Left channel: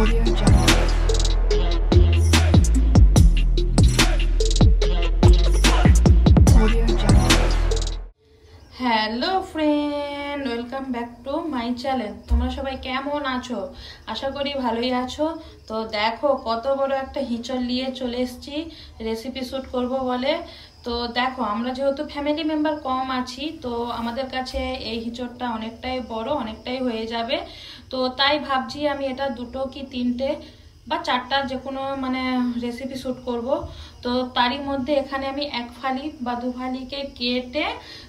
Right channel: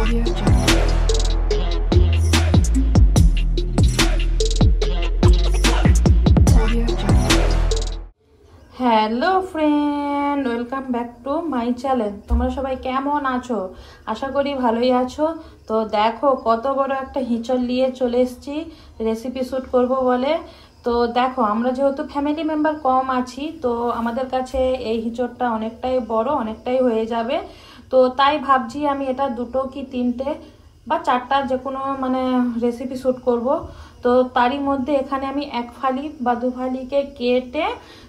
Audio Jungle. Audio Jungle. Hello friend, welcome back to my channel. তোমরা সবাই কেমন আছো? আশা করি ভালোই আছো। তো দেখো কত বড় একটা হিঁচড় নিয়ে চলে এসেছি রেসিপি শ্যুট করব বলে। তো দেখো আমরা যেহেতু ফ্যামিলি মেম্বার কম আছি, তো আমাদের কাছে এই হিঁচড়টা অনেকটাই বড়, অনেকটাই হয়ে যাবে। তো তাই ভাবছি আমি এটা দুটো কি তিনটে বা চারটা যে কোনো রেসিপি শ্যুট করব। তো তারই মধ্যে এখানে আমি এক ফালি বা দু ফালিকে কেটে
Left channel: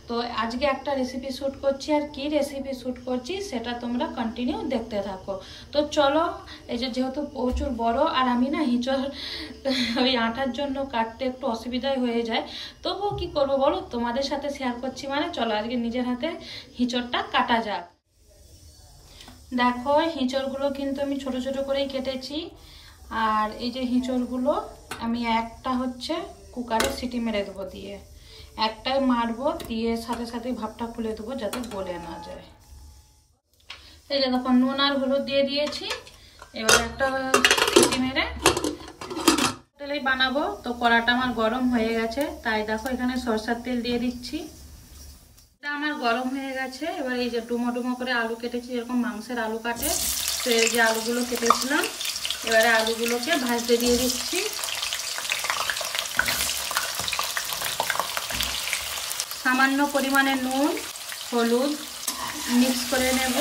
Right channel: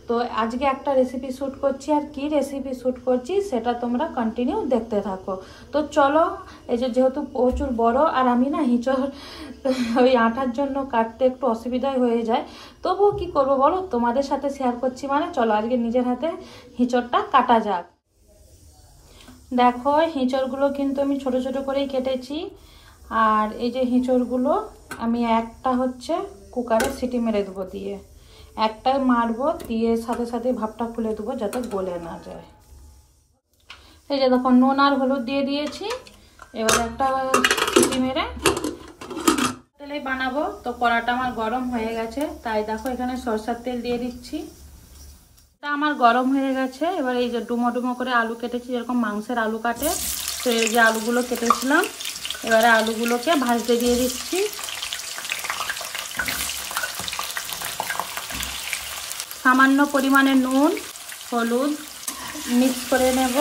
তো আজকে একটা রেসিপি শ্যুট করছি। আর কি রেসিপি শ্যুট করছি সেটা তোমরা কন্টিনিউ দেখতে থাকো। তো চলো, এই যে যেহেতু প্রচুর বড় আর আমি না হিঁচড় ওই আটার জন্য কাটতে একটু অসুবিধাই হয়ে যায়, তবুও কি করবো বলো, তোমাদের সাথে শেয়ার করছি চলো আজকে নিজের হাতে হিঁচড়টা কাটা যাক। দেখো হিঁচড়গুলো কিন্তু আমি ছোট ছোট করেই কেটেছি। আর এই যে হিঁচড়গুলো আমি একটা হচ্ছে কুকারে সিটি মেরে দেবো, দিয়ে একটা মারবো, দিয়ে সাথে সাথে ভাপটা খুলে দেবো যাতে গলে না যায়। এই যে দেখো নুন আর হলুদ দিয়ে দিয়েছি। এবার একটা সিটি মেরে তেলেই বানাবো। তো কড়াটা আমার গরম হয়ে গেছে, তাই দেখো এখানে সরষের তেল দিয়ে দিচ্ছি। আমার গরম হয়ে গেছে। এবার এই যে ডুমো ডুমো করে আলু কেটেছি, যেরকম মাংসের আলু কাটে সেই যে আলুগুলো কেটেছিলাম, এবারে আলুগুলোকে ভাজতে দিয়ে দিচ্ছি। সামান্য পরিমাণে নুন হলুদ মিক্স করে নেব।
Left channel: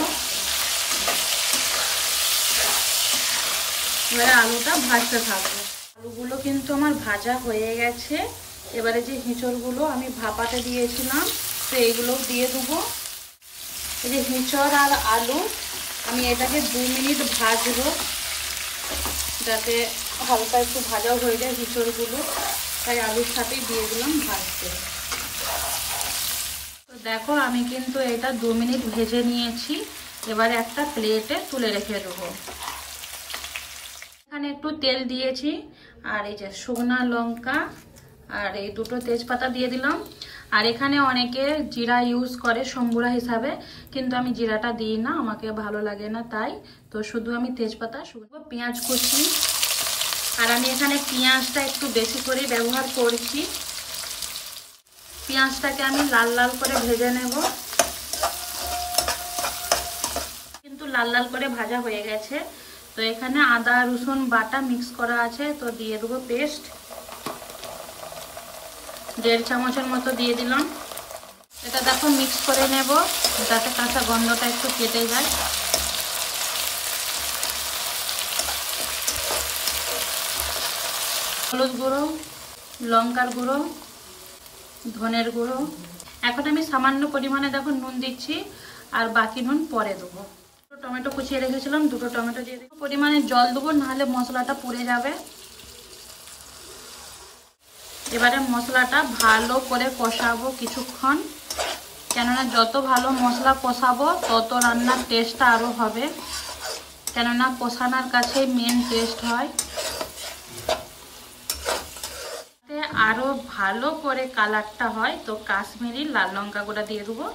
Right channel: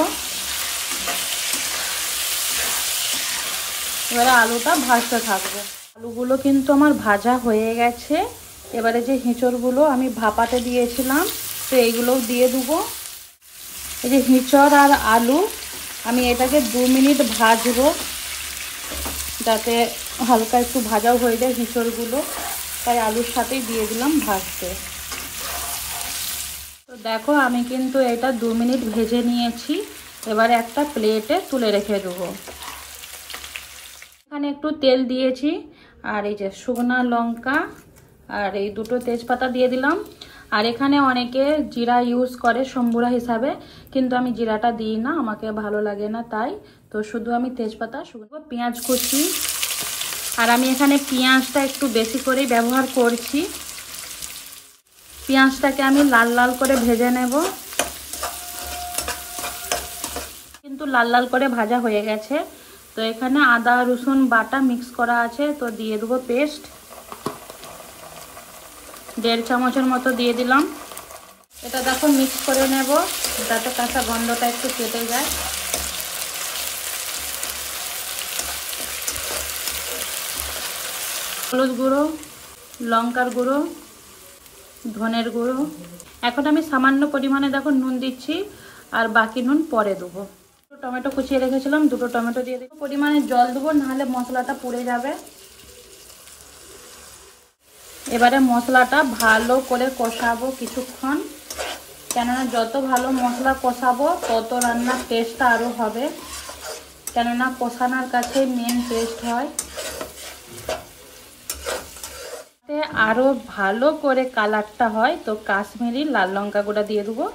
এবারে আলুটা ভাজতে থাকবো। আলুগুলো কিন্তু আমার ভাজা হয়ে গেছে। এবারে যে হিঁচড়গুলো আমি ভাপাতে দিয়েছিলাম, তো এইগুলো দিয়ে দেবো। এই যে হিঁচড় আর আলু আমি এটাকে 2 মিনিট ভাজবো, যাতে হালকা একটু ভাজাও হয়ে যায় হিঁচড়গুলো, তাই আলুর সাথেই দিয়ে দিলাম ভাজতে। তো দেখো আমি কিন্তু এটা 2 মিনিট ভেজে নিয়েছি। এবারে একটা প্লেটে তুলে রেখে দেবো। এখানে একটু তেল দিয়েছি, আর এই যে শুকনো লঙ্কা আর এই দুটো তেজপাতা দিয়ে দিলাম। আর এখানে অনেকে জিরা ইউজ করে সম্বুরা হিসাবে, কিন্তু আমি জিরাটা দিই না, আমাকে ভালো লাগে না, তাই তো শুধু আমি তেজপাতা শুকনো পেঁয়াজ কুচি। আর আমি এখানে পেঁয়াজটা একটু বেশি করেই ব্যবহার করছি। পেঁয়াজটাকে আমি লাল লাল করে ভেজে নেব। কিন্তু লাল লাল করে ভাজা হয়ে গেছে। তো এখানে আদা রসুন বাটা মিক্স করা আছে, তো দিয়ে দেবো পেস্ট 1.5 চামচের মতো দিয়ে দিলাম। এটা দেখো মিক্স করে নেব, যাতে কাঁচা গন্ধটা একটু কেটে যায়। হলুদ গুঁড়ো, লঙ্কার গুঁড়ো, ধনের গুঁড়ো। এখন আমি সামান্য পরিমাণে দেখো নুন দিচ্ছি, আর বাকি নুন পরে দেবো। টমেটো কুচিয়ে রেখেছিলাম, 2টো টমেটো দিয়ে দেবো। পরিমাণে জল দেবো, নাহলে মশলাটা পুড়ে যাবে। এবারে মশলাটা ভালো করে কষাবো কিছুক্ষণ, কেননা যত ভালো মশলা কষাবো তত রান্নার টেস্টটা আরও হবে, কেননা কষানোর কাছেই মেন টেস্ট হয়। আরও ভালো করে কালারটা হয়, তো কাশ্মীরি লাল লঙ্কা গুঁড়া দিয়ে দেবো।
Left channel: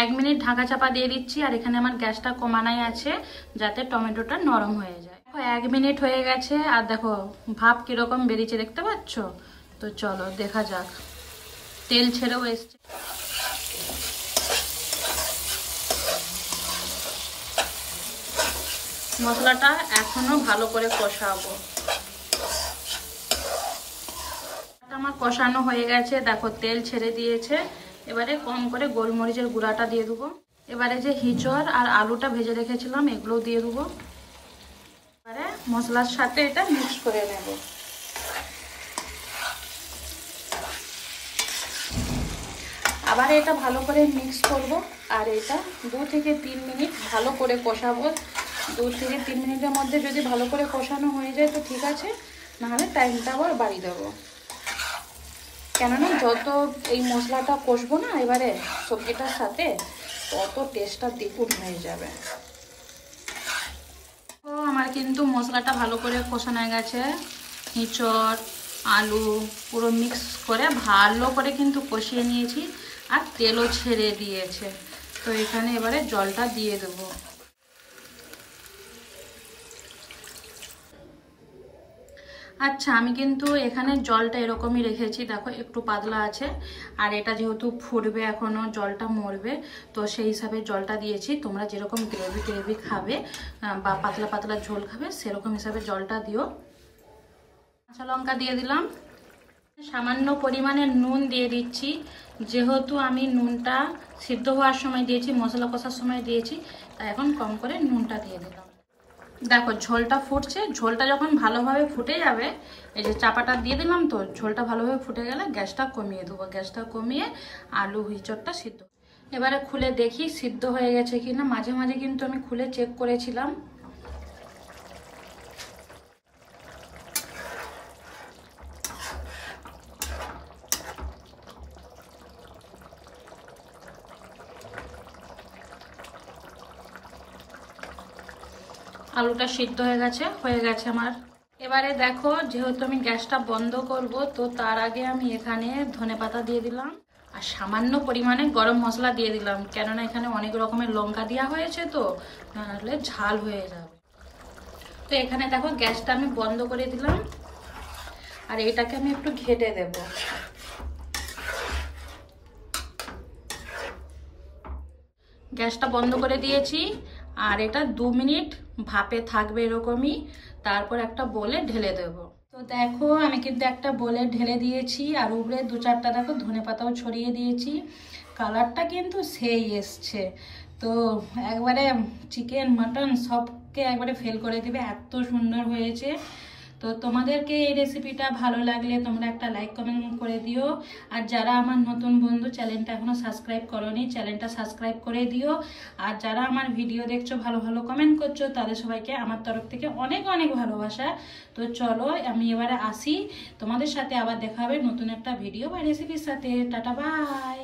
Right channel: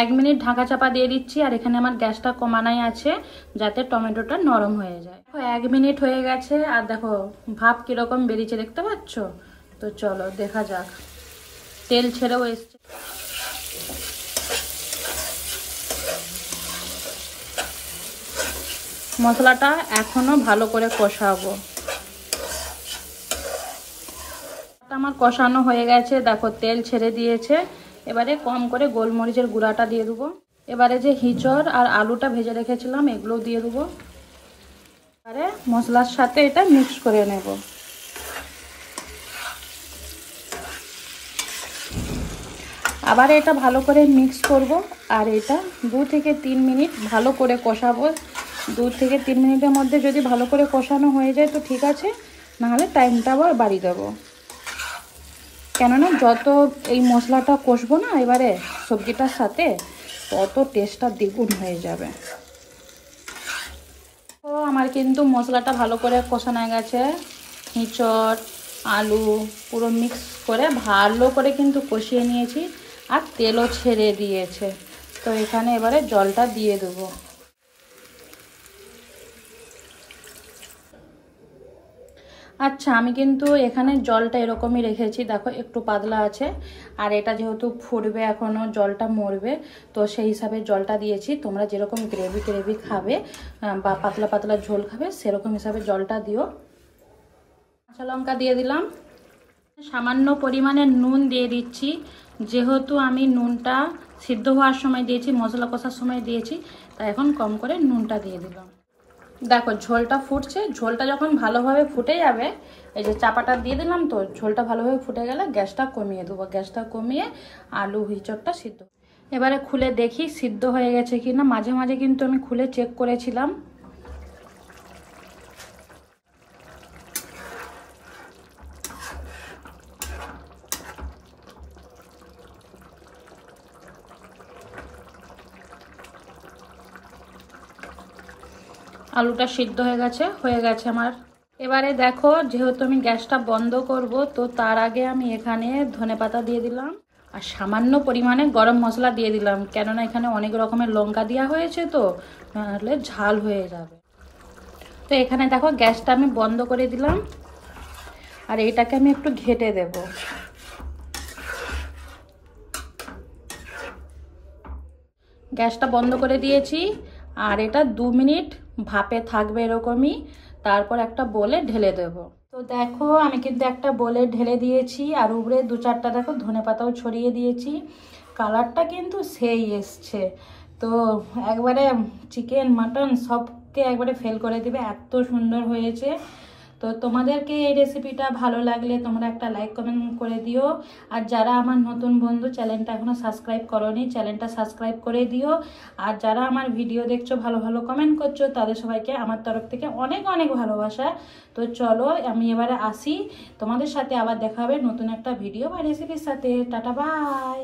1 মিনিট ঢাকা চাপা দিয়ে দিচ্ছি। আর এখানে আমার গ্যাসটা কমানোই আছে, যাতে টমেটোটা নরম হয়ে যায়। দেখো 1 মিনিট হয়ে গেছে, আর দেখো ভাপ কিরকম বেরিয়েছে দেখতে পাচ্ছ। তো চলো দেখা যাক। তেল ছেড়েও এসছে। মশলাটা এখনো ভালো করে কষাবো। আমার কষানো হয়ে গেছে, দেখো তেল ছেড়ে দিয়েছে। এবারে কম করে গোলমরিচের গুঁড়াটা দিয়ে দেবো। এবারে যে হিঁচড় আর আলুটা ভেজে রেখেছিলাম এগুলো দিয়ে দেবো। এবারে মশলার সাথে এটা মিক্স করে নেব। আবার এটা ভালো করে মিক্স করব। আর এটা 2 থেকে 3 মিনিট ভালো করে কষাবো। 2 থেকে 3 মিনিটের মধ্যে যদি ভালো করে কষানো হয়ে যায় তো ঠিক আছে, নাহলে টাইমটা আবার বাড়িয়ে দেবো। কেননা যত এই মশলাটা কষবো না এবারে সবজিটার সাথে, তত টেস্টটা দ্বিগুণ হয়ে যাবে। তো আমার কিন্তু মশলাটা ভালো করে কষানো গেছে। হিঁচড় আলু পুরো মিক্স করে ভালো করে কিন্তু কষিয়ে নিয়েছি, আর তেলও ছেড়ে দিয়েছে। তো এখানে এবারে জলটা দিয়ে দেবো। আচ্ছা, আমি কিন্তু এখানে জলটা এরকমই রেখেছি, দেখো একটু পাতলা আছে। আর এটা যেহেতু ফুটবে, এখনো জলটা মরবে, তো সেই হিসাবে জলটা দিয়েছি। তোমরা যেরকম গ্রেভি গ্রেভি খাবে বা পাতলা পাতলা ঝোল খাবে সেরকম হিসাবে জলটা দিও। কাঁচা লঙ্কা দিয়ে দিলাম, সামান্য পরিমাণে নুন দিয়ে দিচ্ছি। যেহেতু আমি নুনটা সিদ্ধ হওয়ার সময় দিয়েছি, মশলা কষার সময় দিয়েছি, তাই এখন কম করে নুনটা দিয়ে দিলাম। দেখো ঝোলটা ফুটছে, ঝোলটা যখন ভালোভাবে ফুটে যাবে, এই যে চাপাটা দিয়ে দিলাম, তো ঝোলটা ভালোভাবে ফুটে গেলে গ্যাসটা কমিয়ে দেবো। গ্যাসটা কমিয়ে আলু হিচড়টা সিদ্ধ, এবারে খুলে দেখি সিদ্ধ হয়ে গেছে কিনা। মাঝে মাঝে কিন্তু আমি খুলে চেক করেছিলাম। আলুটা সিদ্ধ হয়ে গেছে আমার। এবারে দেখো, যেহেতু আমি গ্যাসটা বন্ধ করব, তো তার আগে আমি এখানে ধনেপাতা দিয়ে দিলাম আর সামান্য পরিমাণে গরম মশলা দিয়ে দিলাম, কেননা এখানে অনেক রকমের লঙ্কা দেওয়া হয়েছে, তো নাহলে ঝাল হয়ে যাবে। তো এখানে দেখো গ্যাসটা আমি বন্ধ করে দিলাম, আর এইটাকে আমি একটু ঘেটে দেব। গ্যাসটা বন্ধ করে দিয়েছি, আর এটা 2 মিনিট ভাপে থাকবে এরকমই, তারপর একটা বোলে ঢেলে দেব। তো দেখো আমি কিন্তু একটা বোলে ঢেলে দিয়েছি, আর উপরে 2-4টা দেখো ধনেপাতাও ছড়িয়ে দিয়েছি। কালারটা কিন্তু সেই এসছে, তো একবারে চিকেন মাটন সবকে একবারে ফেল করে দিবে, এত সুন্দর হয়েছে। তো তোমাদেরকে এই রেসিপিটা ভালো লাগলে তোমরা একটা লাইক কমেন্ট করে দিও। আর যারা আমার নতুন বন্ধু, চ্যানেলটা এখনো সাবস্ক্রাইব করোনি, চ্যানেলটা সাবস্ক্রাইব করে দিও। আর যারা আমার ভিডিও দেখছো, ভালো ভালো কমেন্ট করছো, তাদের সবাইকে আমার তরফ থেকে অনেক অনেক ভালোবাসা। তো চলো আমি এবারে আসি, তোমাদের সাথে আবার দেখা হবে নতুন একটা ভিডিও বা রেসিপির সাথে। Tata bye.